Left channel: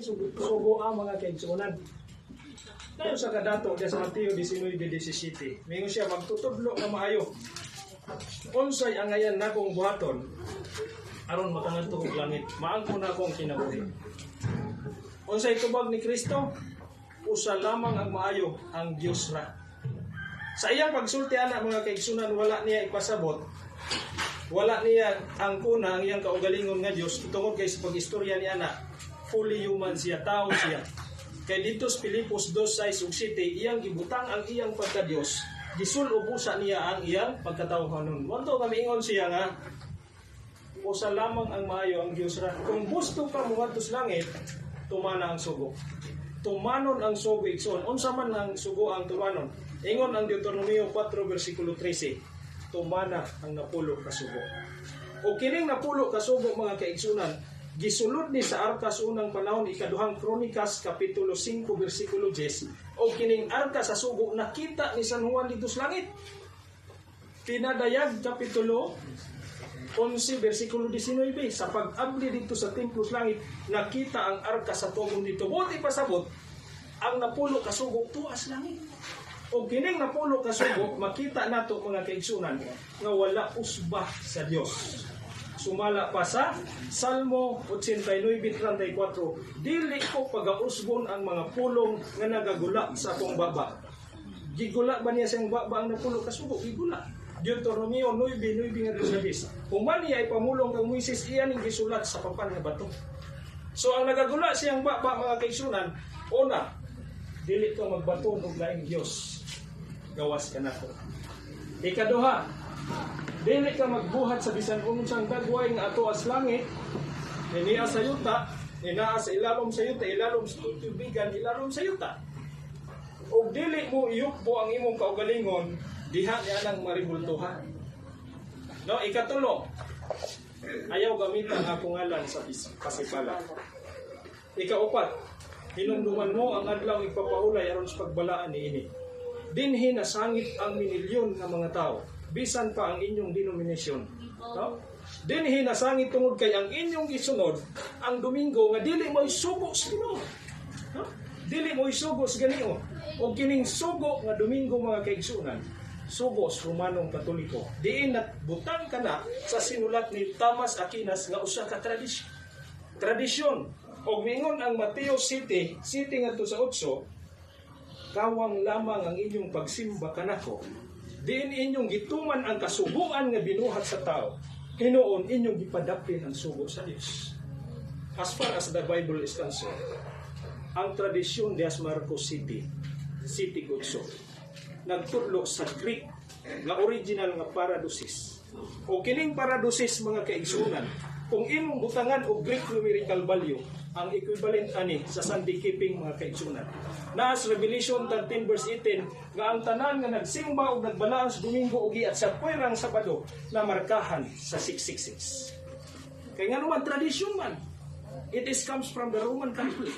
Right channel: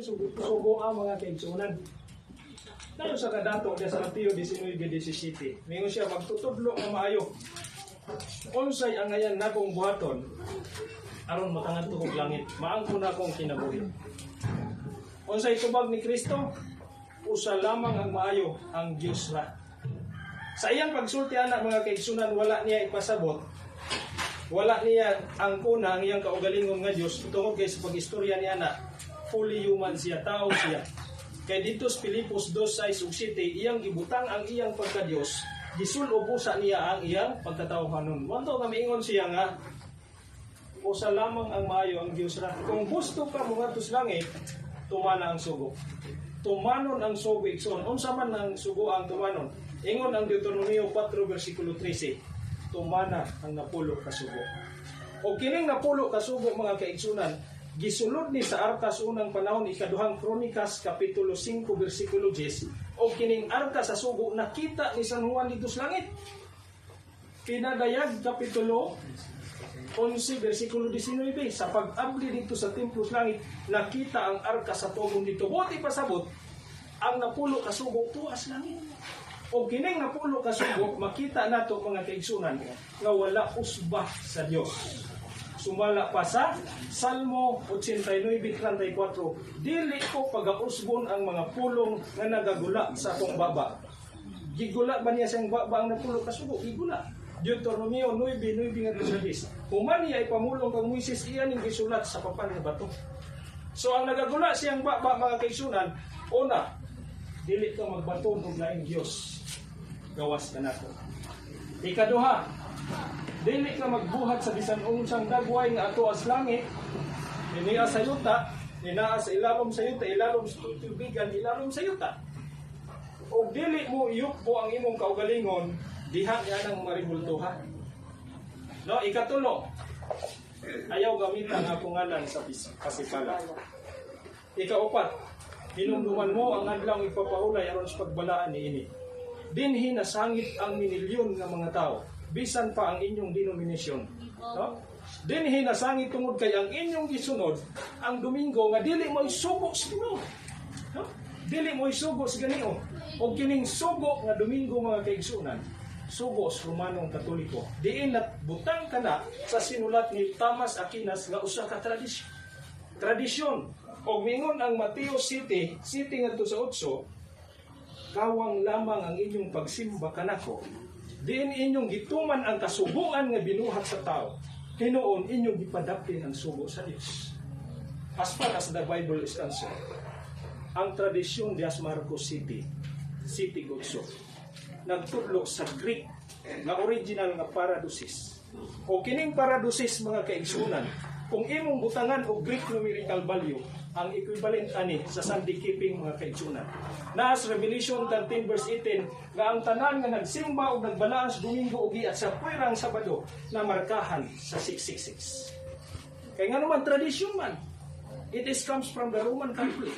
sugo ang mga kaigsunan. Tayo sa kadato des Mateo 19:17. Mingon siya magtutudlo nga maayo. Unsay ang ayan nakong buhaton aron makangadto og langit. Maangko na akong kinabuhi. Unsay tubag ni Kristo? Usa lamang ang maayo ang Dios ra. Sa iyang pagsulti anak mga kaigsunan wala niya ipasabot wala niya ang kuna ang iyang kaugalingon nga Dios tungod kay sa pagistorya ni anak fully human siya tao siya. Kay dito sa Pilipos 2:6 ug 7 iyang gibutang ang iyang pagka Dios gisulob sa niya ang iyang pagkatawhanon wanto kami ingon siya nga usa lamang ang maayo ang Dios ra. Kung gusto pa bumadto sa langit tumana ang sugo. Tumanon ang sugo igsoon. Unsa man ang sugo ang tumanon? Ingon ang Deuteronomio 4 versikulo 13 tumana ang napulo ka sugo. O kining napulo ka sugo mga kaigsunan gisulod ni sa arka sa unang panahon ikaduhang kronikas kapitulo 5 bersikulo 10 o kining arka sa sugo nakita ni San Juan dito sa langit. Pinadayag kapitulo 11 versikulo 19 sa pag-abli dito sa templo sa langit nakita ang arka sa tugong dito. Buti pasabot ang napulo ka sugo tuas langit. O kining napulo ka sugo makita nato mga kaigsunan nga wala usba sa Dios sumala pa sa Salmo 89:34 dili ko pagausbon ang mga pulong nga nagagula sa akong baba. Gigula ba niya siyang baba ang napulo? Ka sugo gigula. Deuteronomio 9:9 nga disadis human niya ipamulong kang Moises iyan ning gisulat sa papan nga bato. So ang nagagula siyang baba mga kaigsunan una dili ko magbaton og laing Dios gawas ka nato ikaduha dili ka magbuhat sa bisan unsang dagway nga ato as langit niya sa yuta ninaa sa ilalom sa yuta ilalom sa tutubigan ilalom sa yuta. Ug dili mo iyukbo ang imong kaugalingon diha niya nang maribultuhan. No ikatulo. Ayaw gamitan ang akong ngalan sa pasipala ikaupat hinumduman mo ang adlaw ipapahulay aron sa pagbalaan niini dinhi na sangit ang minilyon nga mga tao bisan pa ang inyong denominasyon. No? Dinhi na sangit tungod kay ang inyong gisunod ang domingo nga dili mo isugo sa Ginoo no? dili mo isugo sa Ginoo o kining sugo nga domingo mga kaigsunan sugo sa Romanong Katoliko. Diin na butang ka na sa sinulat ni Thomas Aquinas nga usa ka tradisyon. Tradisyon. O mingon ang Mateo City City ngadto sa 8 kawang lamang ang inyong pagsimba kanako diin inyong gituman ang kasuguan nga binuhat sa tao. Hinuon inyong gipadapin ang sugo sa Dios as far as the Bible is concerned ang tradisyon dias Marcos City City Gutso nagtudlo sa Greek nga original nga paradosis. O kining paradosis mga kaigsunan kung imong butangan og Greek numerical value ang equivalent ani sa Sunday keeping mga kaigsunan na sa Revelation 13 verse 18 nga ang tanan nga nagsimba og nagbalaan sa Domingo ug at sa puwerang Sabado na markahan sa 666 kay nga naman tradisyon man it is comes from the Roman Catholic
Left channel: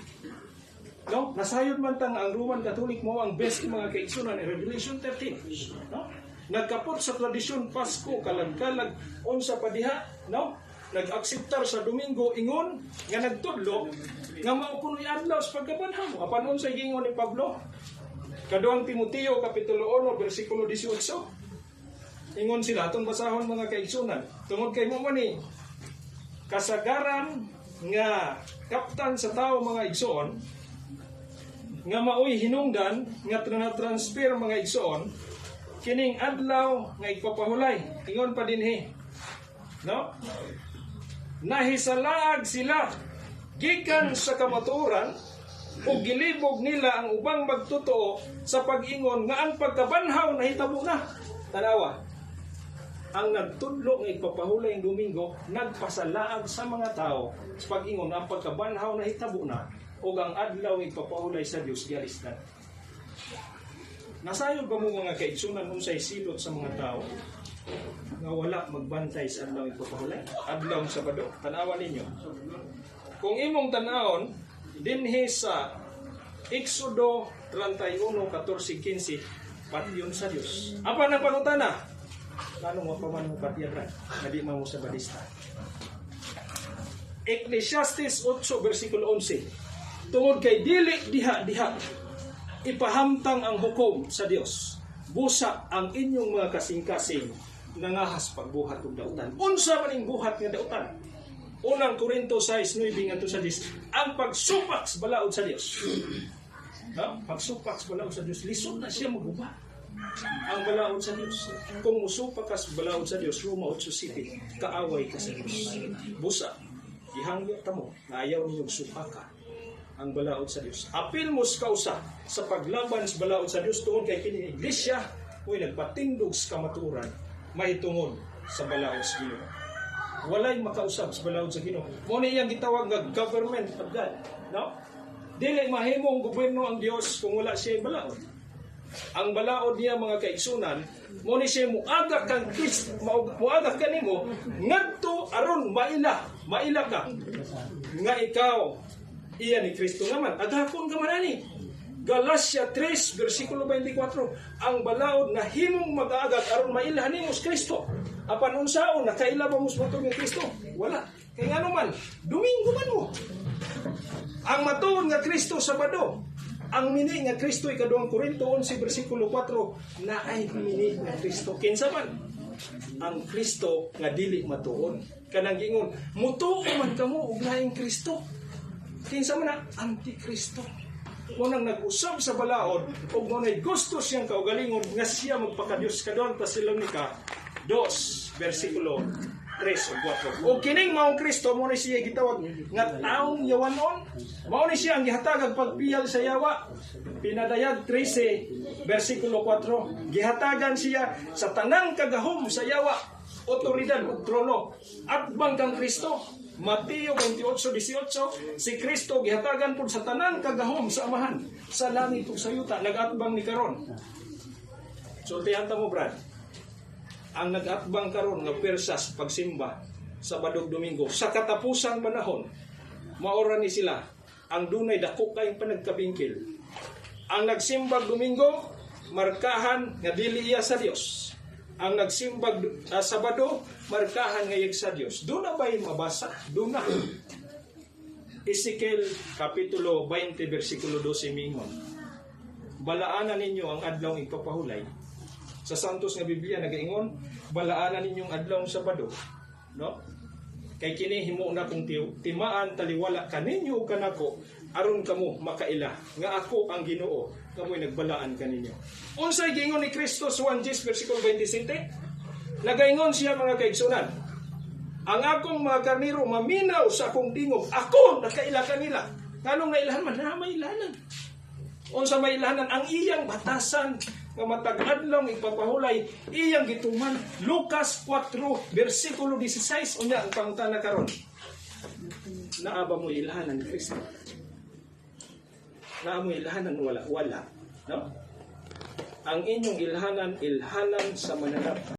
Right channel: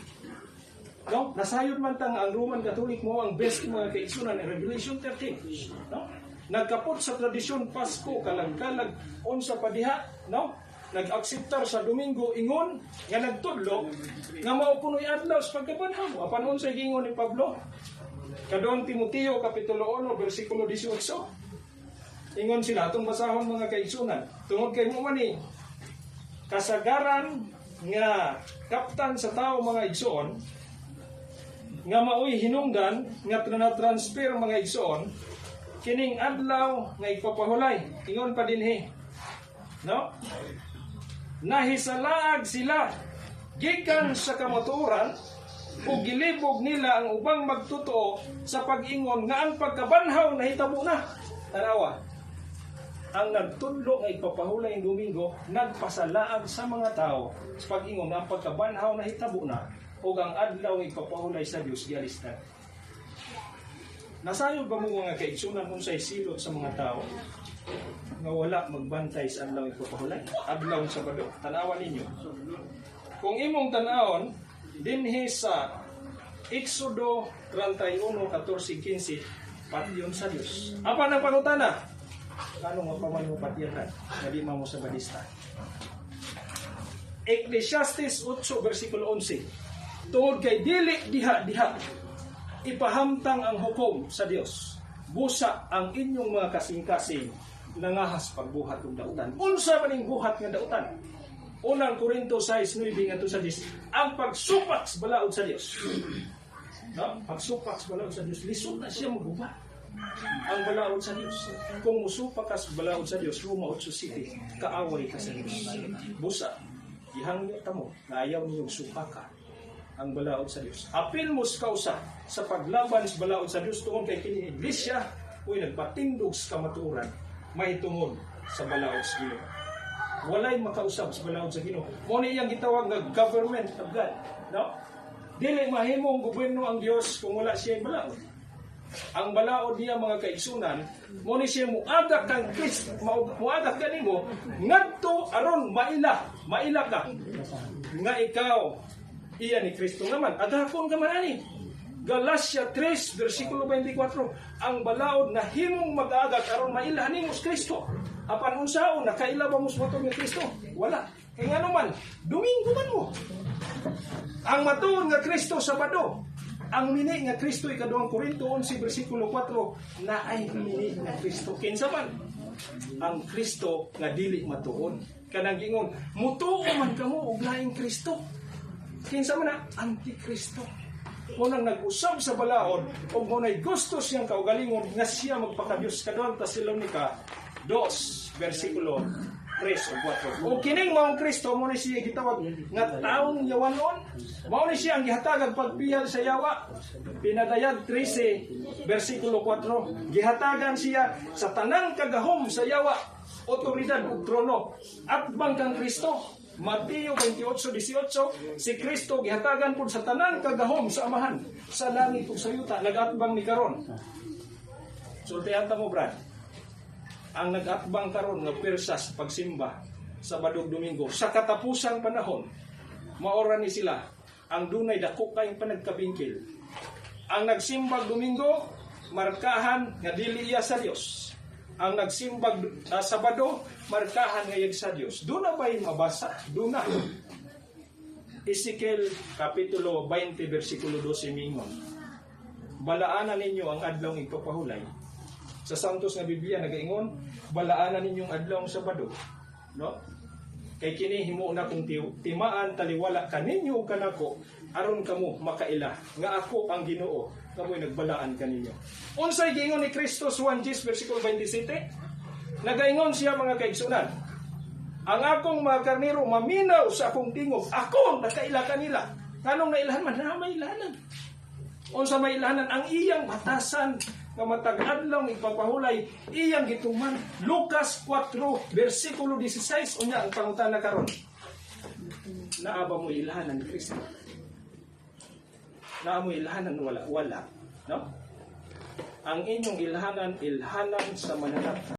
No? Nasayod man tang ang Roman Catholic mo ang best mga kaigsunan in Revelation 13. No? Nagkapot sa tradisyon Pasko kalag-kalag unsa pa diha, no? Nag-akseptar sa Domingo ingon nga nagtudlo nga mao kunoy adlaw sa pagkabanhaw. Apan unsa gingon ni Pablo? Kaduang Timoteo kapitulo 1 bersikulo 18. Ingon sila atong basahon mga kaigsunan. Tungod kay mo ni kasagaran nga kaptan sa tao mga igsoon nga maoy hinungdan nga transfer mga igsoon kining adlaw nga ipapahulay ingon pa dinhi no nahisalaag sila. Gikan sa kamatuoran ug gilibog nila ang ubang magtotoo sa pag-ingon nga ang pagkabanhaw nahitabo na. Tanawa ang nagtudlo nga ipapahulay ang Domingo nagpasalaag sa mga tao sa pag-ingon nga ang pagkabanhaw nahitabo na ug ang adlaw ipapahulay sa Dios gialis na. Nasayod ba mo mga kaigsunan kung sa silot sa mga tao nga wala magbantay sa adlaw nga ipapahulay? Adlaw sa Sabado. Tanawan ninyo. Kung imong tanawon dinhi sa Exodo 31:14-15 patyon sa Dios. Apa na pangutana? Kano nga paman mo patyatan? Na di mo sa badista. Ecclesiastes 8 versikulo 11. tungod kay dili diha diha ipahamtang ang hukom sa Dios busa ang inyong mga kasing-kasing nangahas pagbuhat og dautan. Unsa man ing buhat nga dautan? Unang Korinto 6:9 ngadto sa 10 ang pagsupak sa balaod sa Dios no? pagsupak sa balaod sa Dios lisod na siya maguba. Ang balaod sa Dios kung musupak ka sa balaod sa Dios Roma 8:7 kaaway ka sa Dios busa. Ihangyo ta mo. Ayaw niyong supaka ang balaod sa Dios. Apil mo sa kausa sa paglaban sa balaod sa Dios tungod kay kini iglesia uy nagpatindog sa kamaturan mahitungod sa balaod sa Ginoo. Walay makausap sa balaod sa Ginoo. Mo ni iyang gitawag nga government of God. No? Dili mahimo ang gobyerno ang Dios kung wala siya balaod. Ang balaod niya mga kaigsunan, mo ni siya muagak kang Kristo, muagak kanimo ngadto aron maila, maila ka nga ikaw iya ni Kristo naman. Agakon ka man ani. Galacia 3 versikulo 24 ang balaod na himong mag-aagag aron mailhan nimo Kristo. Apan unsaon nakaila ba mo ni Kristo? Wala. Kay ngano man, Domingo man mo. Ang matuon nga Kristo Sabado. Ang mini nga Kristo ikaduhang Korinto 11 versikulo 4 na ay mini nga Kristo kinsa man ang Kristo nga dili matuon. Kanang gingon, mutuo man kamo og laing Kristo. Kinsa man na antikristo. Unang nag-usab sa balaod ug mo nay gusto siyang kaugalingon nga siya magpakadiyos kadon Tesalonica 2 versikulo 3 o 4. O kining maong Kristo mo ni siya gitawag nga taong yawanon. Mao ni siya ang gihatagag pagpiyal sa yawa. Pinadayag 13 versikulo 4. Gihatagan siya sa tanang kagahom sa yawa otoridad ug trono at bangkang Kristo Mateo 28:18 si Kristo gihatagan pud sa tanang kagahom sa amahan sa langit ug sa yuta nagatbang ni karon. Sultihan ta mo brad. Ang nagatbang karon nga persas pagsimba sa Badog Domingo sa katapusang panahon maora ni sila ang dunay dako kayong panagkabingkil. Ang nagsimbag Domingo markahan nga dili iya sa Dios ang nagsimbag uh, Sabado markahan nga yag sa Dios do na ba'y mabasa? Do na. Ezekiel kapitulo 20 versikulo 12 mingon balaanan ninyo ang adlaw ipapahulay. Sa Santos nga Biblia nagaingon balaanan ninyong adlaw sa Sabado. No? Kay kini himo na kung timaan taliwala kaninyo kanako aron kamo makaila. Nga ako ang Ginoo. Kamoy nagbalaan kaninyo. Unsay giingon ni Kristo sa 1 versikulo 27 nagaingon siya mga kaigsunan. Ang akong mga karniro maminaw sa akong tingog. Ako nakaila kanila. Nganong nailahan man na may ilahanan unsa may ilahanan ang iyang batasan. Nga matag adlaw ipapahulay. Iyang gituman. Lucas 4 versikulo 16 unya ang pangutana karon. Naaba mo ilahanan Kristo naa mo ilahanan wala wala no? Ang inyong ilhanan ilhanan sa mananap